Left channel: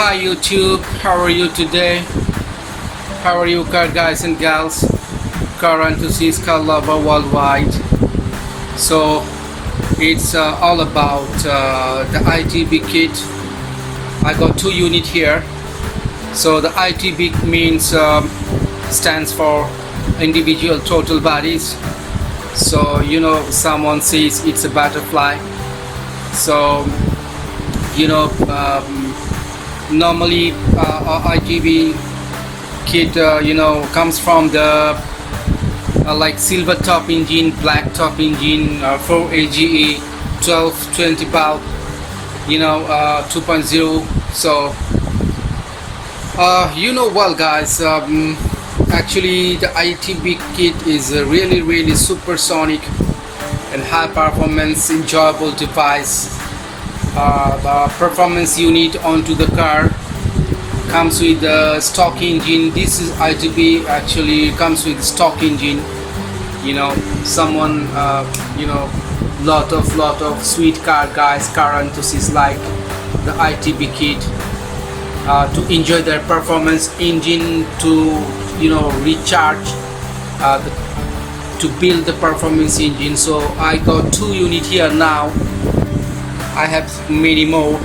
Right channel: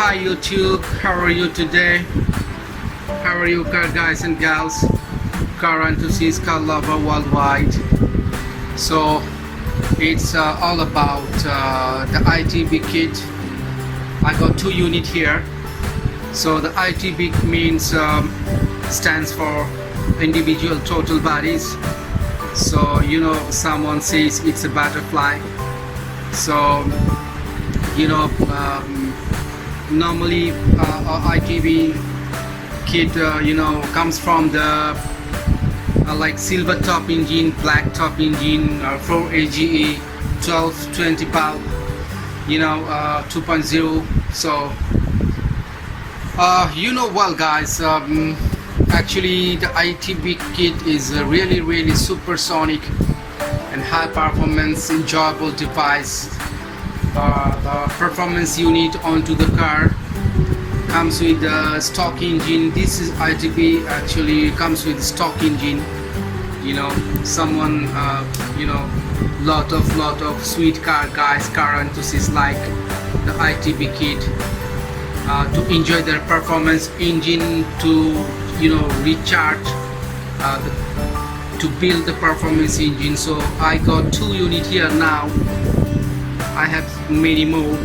Hi YouTube, how are you today? How are you car guys and gals, car enthusiasts, car lover worldwide? So it's all about the ITB kit. I got 2 units here. So the ITB means stands for individual throttle bodies. So you know, someone says it's a butterfly. So you know, normally ITB kit you know, comes from the like silvertop engine, blacktop engine, 4 AGE 1220 bulb, you know, 2.0. So you know, well guys, actually the ITB kit is a really supersonic and high performance enjoyable device. The performance unit onto the car comes with the stock engine. This is ITB, actually comes with stock engine. You know, someone you know, lot of sweet car guys, car enthusiasts like the ITB kit to enjoy their performance engine, to you know, recharge to build the performance engine. So I got 2 units here now. I have many more,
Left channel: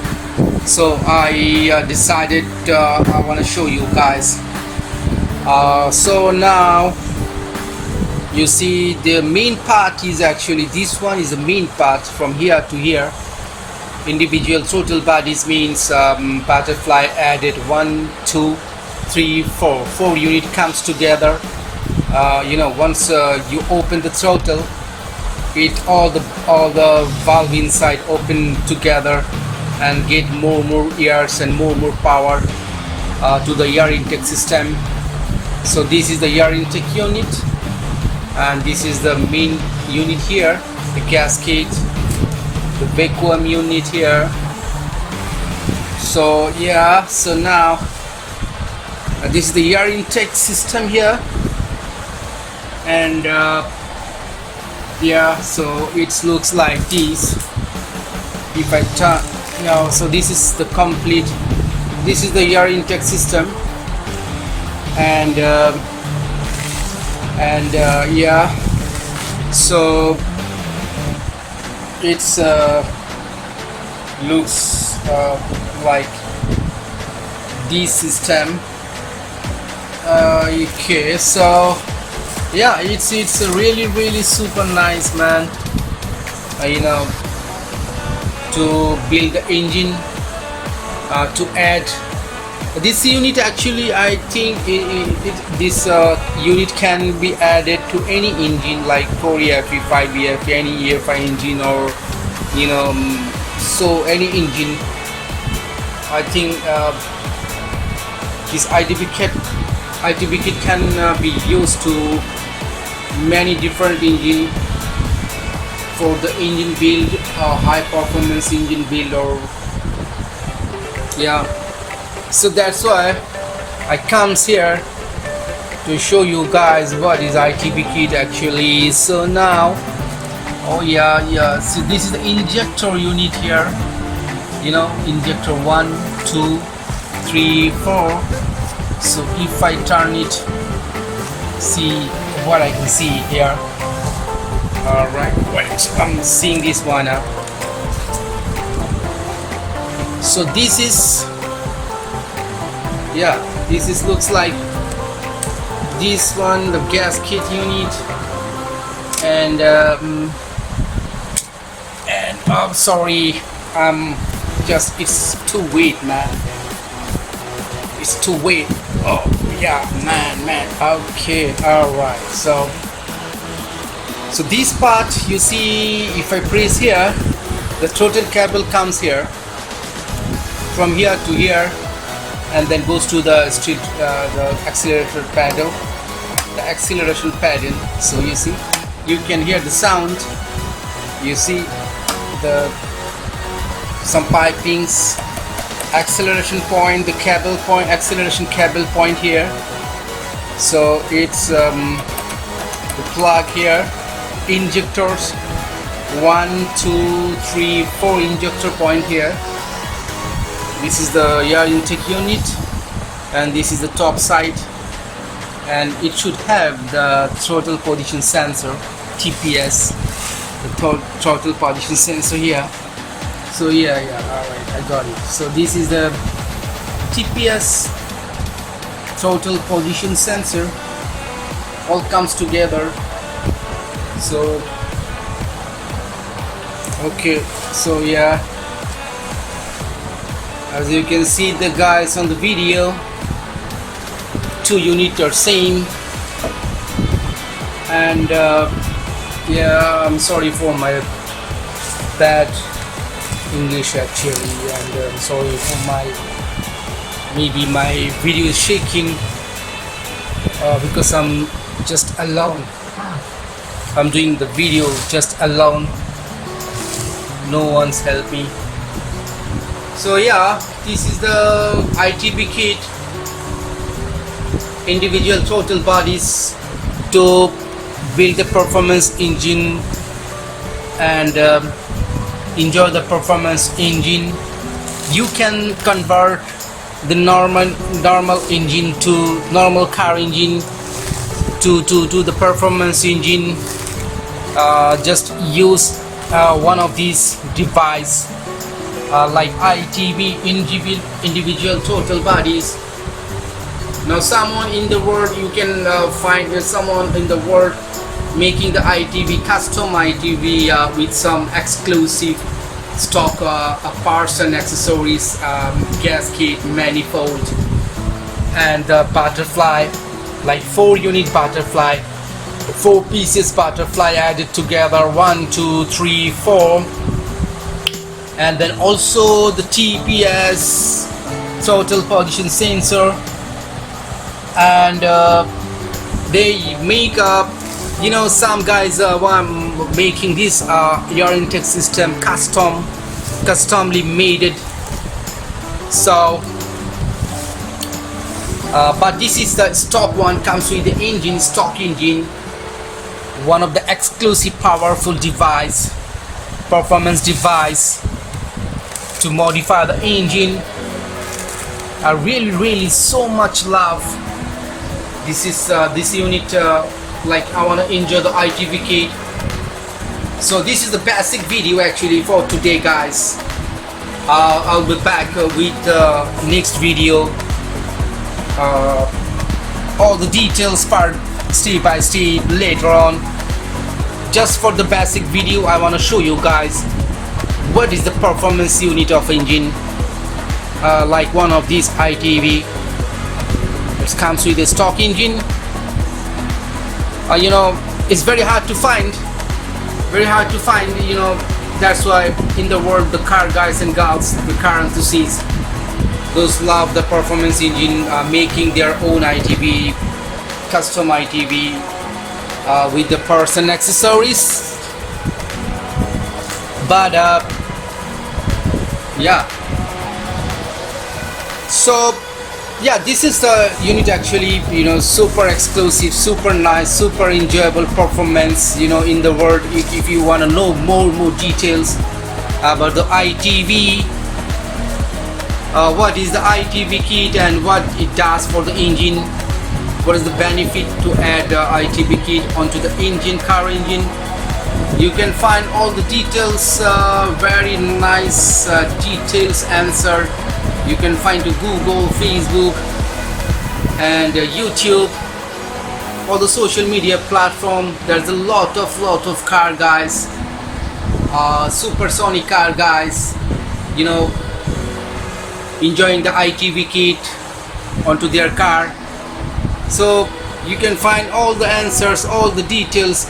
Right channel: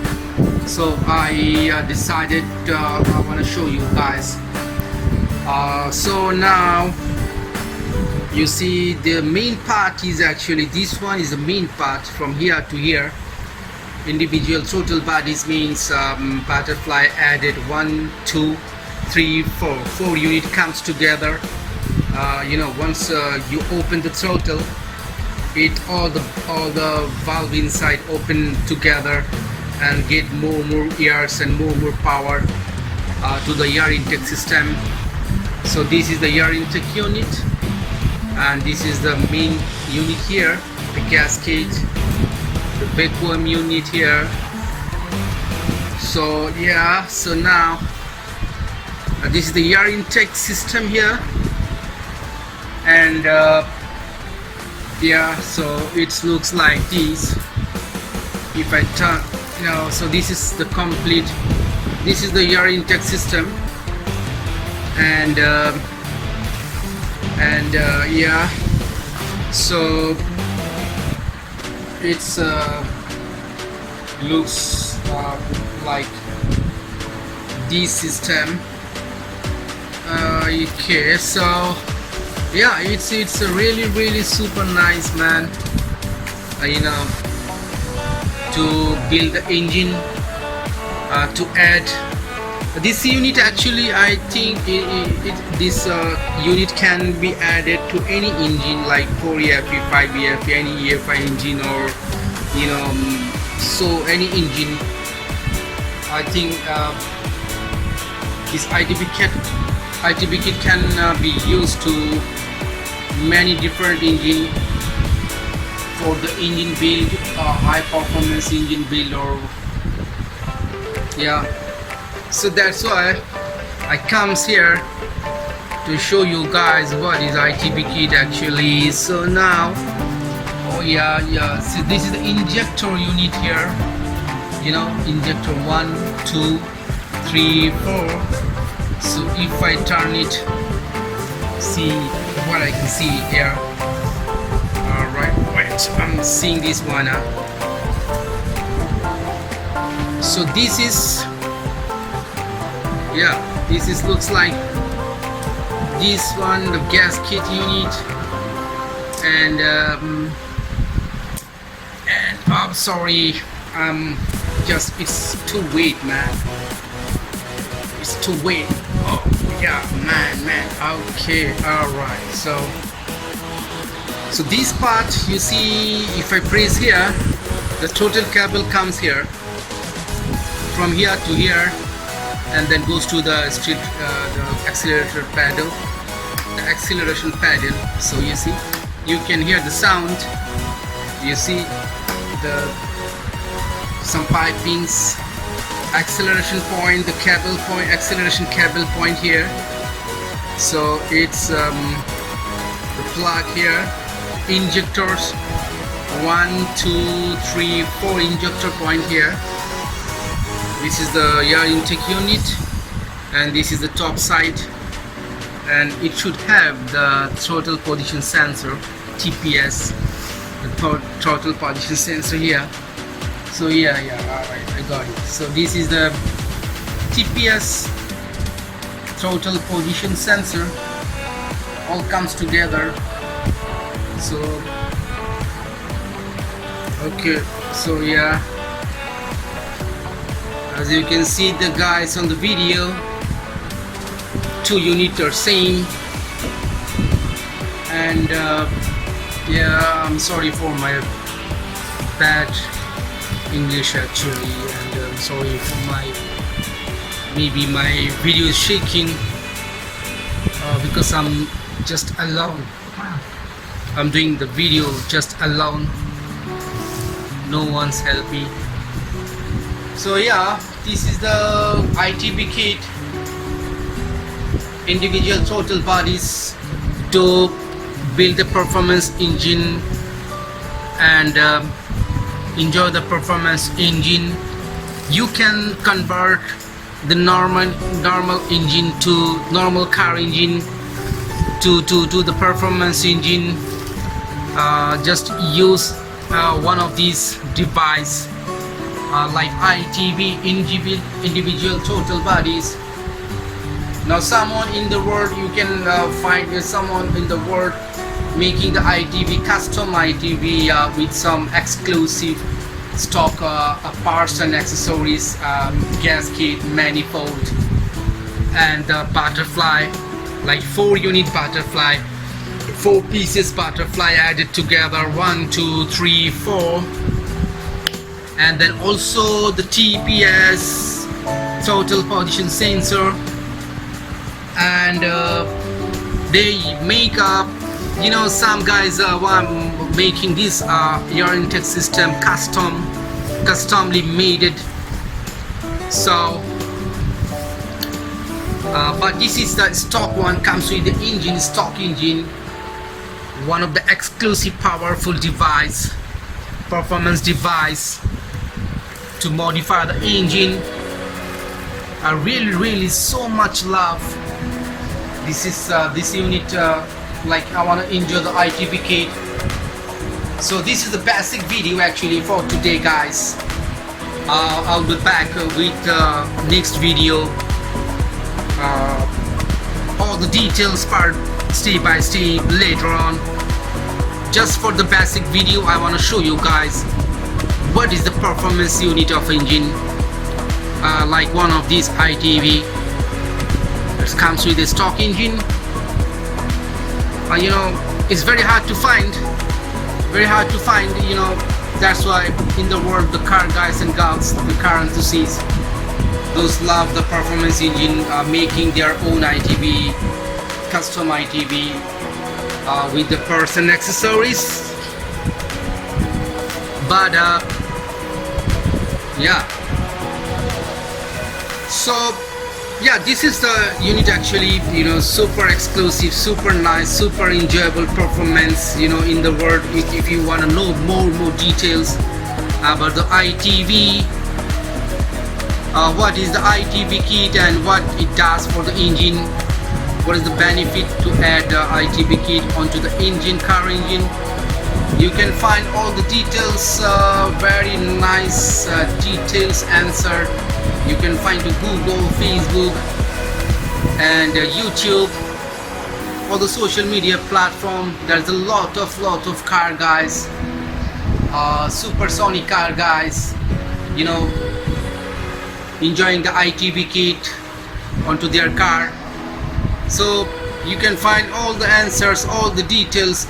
so I decided I want to show you guys. So now you see the main part is actually, this one is the main part from here to here. Individual throttle bodies means butterfly added 1 2 3 4 unit comes together. You know, once you open the throttle, it all the valve inside open together and get more airs and more power to the air intake system. So this is the air intake unit, and this is the main unit here, the gasket, the vacuum unit here. So yeah, so now this is the air intake system here, and yeah, so it looks like this. If I turn, you know, so this is the complete, this is the air intake system, and yeah, so it's looks like this system. Okay, so yeah, it's really super nice, man. You know, to build the engine, to add this unit. Actually, I think this unit can be added to any engine like 4 EFE, 5 EFE, any EFI engine, or you know, so any engine. I think this ITB kit can be used to many different engine, for the engine build, high performance engine build, or yeah. So that's why I comes here to show you guys what is ITB kit actually. So now, oh yeah, so this is the injector unit here, you know, injector 1 2 3 4. So if I turn it, see what I can see here. Alright, wait, I'm seeing this one. So this is, yeah, this is looks like this one, the gasket unit, and I'm sorry, just, it's too weight, man. It's too weight. Oh yeah, man. Okay, alright. So this part, you see, if I press here, the throttle cable comes here, from here to here, and then goes to the the accelerator pedal, the acceleration pedal. So you see, you can hear the sound. You see some pipings, acceleration point, the cable point, acceleration cable point here. So it's the plug here, injectors, 1 2 3 4 injector point here. This is the air intake unit, and this is the top side, and it should have the throttle position sensor, TPS, the throttle position sensor here. So yeah, alright, I got it. So this is the TPS, throttle position sensor, all comes together. So okay, so yeah, as you can see the guys on the video, two units are same. And yeah, I'm sorry for my bad English actually, and I'm sorry for maybe my video is shaking because I'm just alone. I'm doing the video just alone, no one's helped me. So yeah, this is the ITB kit, individual throttle bodies to build the performance engine and enjoy the performance engine. You can convert the normal engine to normal car engine to the performance engine. Just use one of these device like ITB, individual throttle bodies. Now someone in the world, you can find someone in the world making the ITB, custom ITB with some exclusive stock parts and accessories, gasket, manifold, and butterfly, like 4 unit butterfly, 4 pieces butterfly added together, 1 2 3 4, and then also the TPS, throttle position sensor. And they make up, you know, some guys making this air intake system customly made it. So but this is the stock one, comes with the engine, stock engine, one of the exclusive powerful device, performance device to modify the engine. I really so much love this is this unit. Like I want to enjoy the ITB kit. So this is the basic video actually for today, guys. I'll be back with the next video, all the details part step by step later on. Just for the basic video, I want to show you guys what is the performance unit of engine, like one of these ITB. It comes with a stock engine. You know, it's very hard to find, you know. That's why in the world, the car guys and gals, the car enthusiasts, those love the performance engine, making their own ITB, custom ITB with the parts and accessories. But yeah, so yeah, this is the unit actually, you know, super exclusive, super nice, super enjoyable performance, you know, in the world. If you want to know more details about the ITB, what is the ITB kit and what it does for the engine, what is the benefit to add the ITB kit onto the engine, car engine, you can find all the details, very nice details answer. You can find to Google, Facebook, and YouTube, all the social media platform. There's a lot of car guys, supersonic car guys, you know, enjoying the ITB kit onto their car. So you can find all the answers, all the details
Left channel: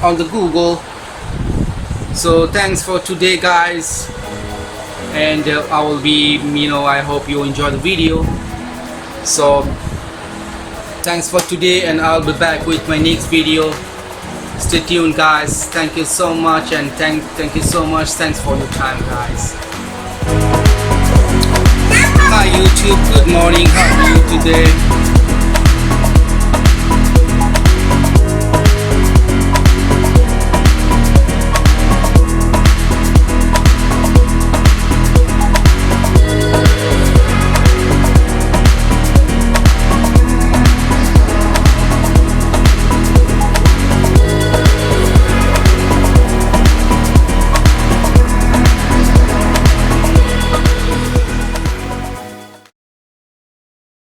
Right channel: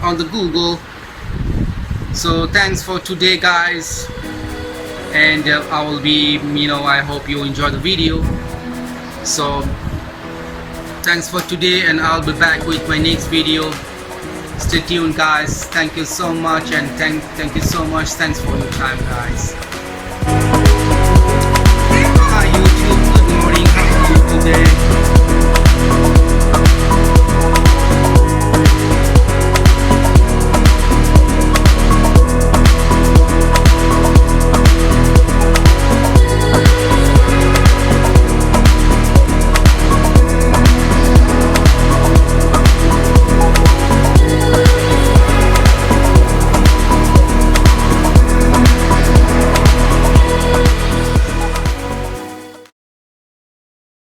on the Google. So thanks for today, guys. And I will be, you know, I hope you enjoy the video. So thanks for today, and I'll be back with my next video. Stay tuned, guys. Thank you so much, and thank you so much. Thanks for your time, guys. Hi YouTube, good morning. How are you today?